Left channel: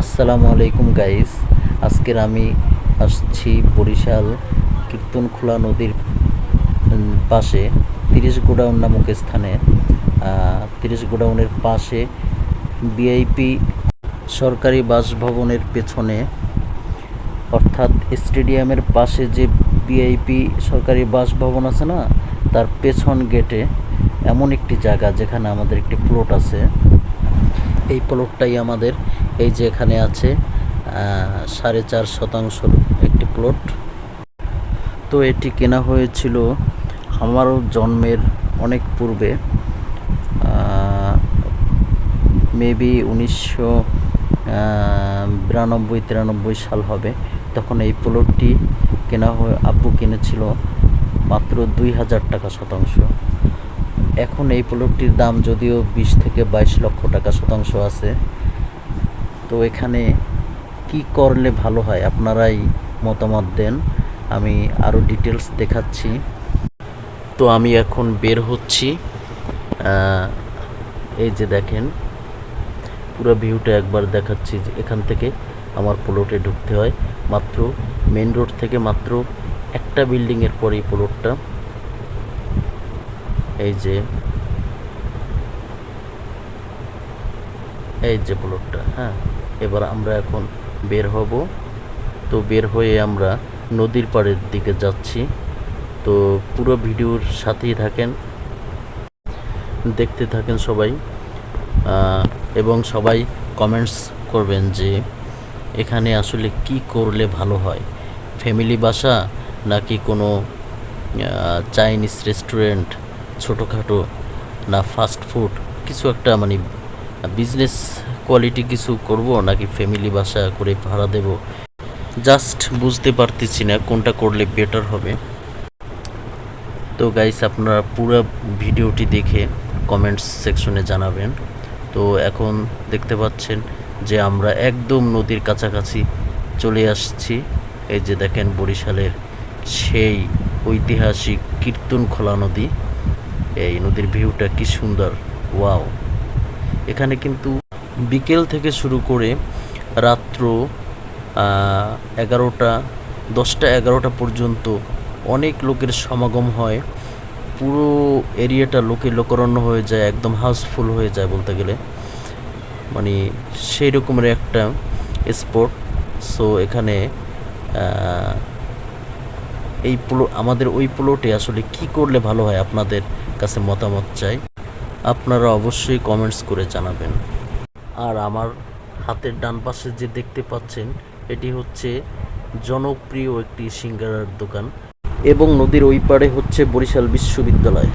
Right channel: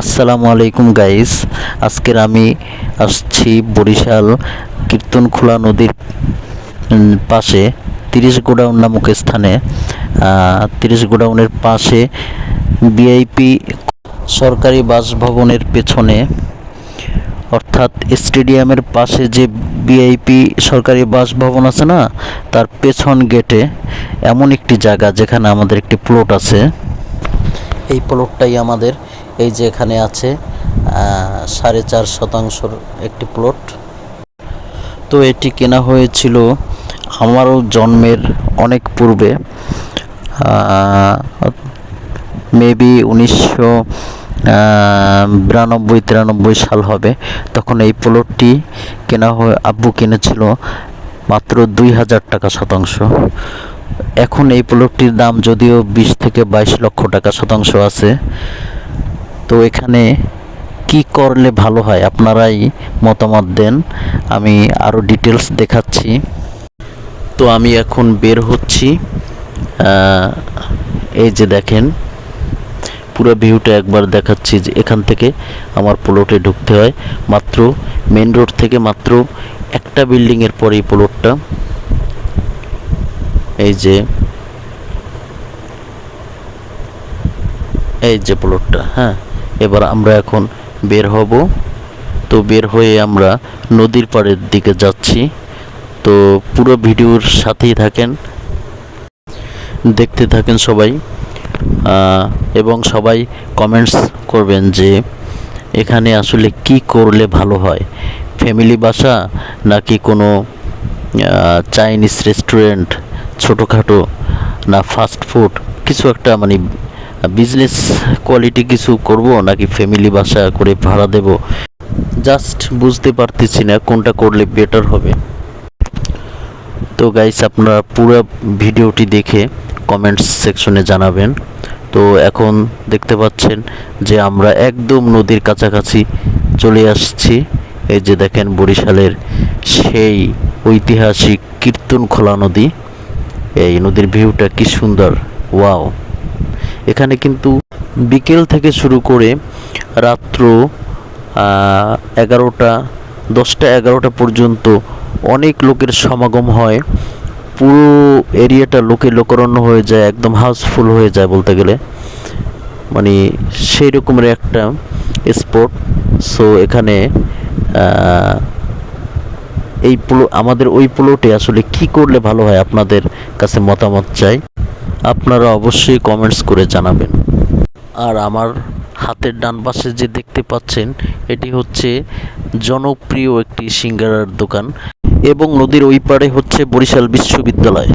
আসসালামু আলাইকুম গাইস আজকের আমি আসছি বরিশাল কীর্তনখোলা নদীর পাশে, তিরিশ গোডাউন নামক স্থানে। তিরিশ গোডাউনের পাশে বিআইপি সরকারি বাসভবনের পেছনে, অর্থাৎ স্টেডিয়ামের পাশে যে বিআইপি সরকারি বাসভবন আছে না, তার পেছন গেটে এমন একটি জায়গা যেখানে আমাদের একটি প্লট আছে। এই প্লটটাই আমাদের। এই যে এখানে আছে সাড়ে চার শতাংশর একটি প্লট তো এটি কেনা হয়েছিল আমারও জন্মের অনেক পূর্বে মেবি উনিশশো বিরানব্বই, তিরানব্বই সাল হবে। তখন এই প্লটটি কেনা হয়ে আব্বু কিনেছিল মাত্র দুই হাজার টাকা শতাংশ। এখন এই প্লটটির দাম যদিও বিশ থেকে বাইশ লক্ষ টাকা শতাংশ আছে, তো এখানে কি করলে ভালো হয় আপনারাই মতামত দেন, আমি আরও ডিটেলস দেখাচ্ছি। তো আমি এখন বের হচ্ছি এই যে দেখেন, পুরো ভিউটা একবার দেখাচ্ছি যে এখান থেকে আমার প্লটে ঢুকতে হয়, মাত্র মেন রোড থেকে মাত্র একটা বিল্ডিংয়ের পরে এই প্লটটা এই যে এই যে প্লটটা হ্যাঁ? এবার আমরা এখন বের হব। তো বের হয়ে আমরা নদীর পাড়ের দিকে যাচ্ছি। তো পুরো ভিডিওর সাথেই থাকেন, দেখতে থাকেন সবাই। এবং সবাই কমেন্টস করবেন যে, এখানে আসলে কি করলে ভালো হয়? ফ্যামিলি বাসা নাকি কোনো চাইনিজ রেস্টুরেন্ট ছোটোখাটো না ফাস্ট ফুড কিছু একটা মানে বিজনেস কোয়ালিটি কিছু করব নাকি ফ্যামিলি বাসা করে ভাড়া দেব? জাস্ট বুঝতে পারতেছি না কোনটা করলে বেটার হবে। তো গাইস আপনারা পুরো ভিডিওটি দেখে কমেন্টস সেকশনে জানাবেন। তো এখন দেখতে পাচ্ছেন যে আমরা একদম নদীর কাছাকাছি চলে আসছি। এই যে দেখেন বরিশালের সেই ঐতিহাসিক কীর্তনখোলা নদী। এই নদীর ভিউটা কি সুন্দর, ওয়াও। এখানে কিন্তু বিকেল থেকে শুরু করে রাত্র এগারোটা, দশটা এগারোটা পর্যন্ত অনেক লোকের সমাগম হয়। পুরো এরিয়াটা লোকে লোকারণ্য হয়ে যায়, একদম হাউসফুল হয়ে যায় বলতে গেলে। মানে সেই রকমের একটা স্পট সো এখানে এই প্লো আমাদের ওই প্লটে আসলে কি করলে ভালো হয় আপনাদের কাছে মতামত চাই? আপনারা অবশ্যই কমেন্টস করে জানাবেন। আর আমার হাতের ডান পাশে যে দেখতে পাচ্ছেন, এটি হচ্ছে জনপ্রিয় একটি সিঙ্গারার দোকান এবং নদীর ওই পারে হচ্ছে বরিশাল বিশ্ববিদ্যালয়।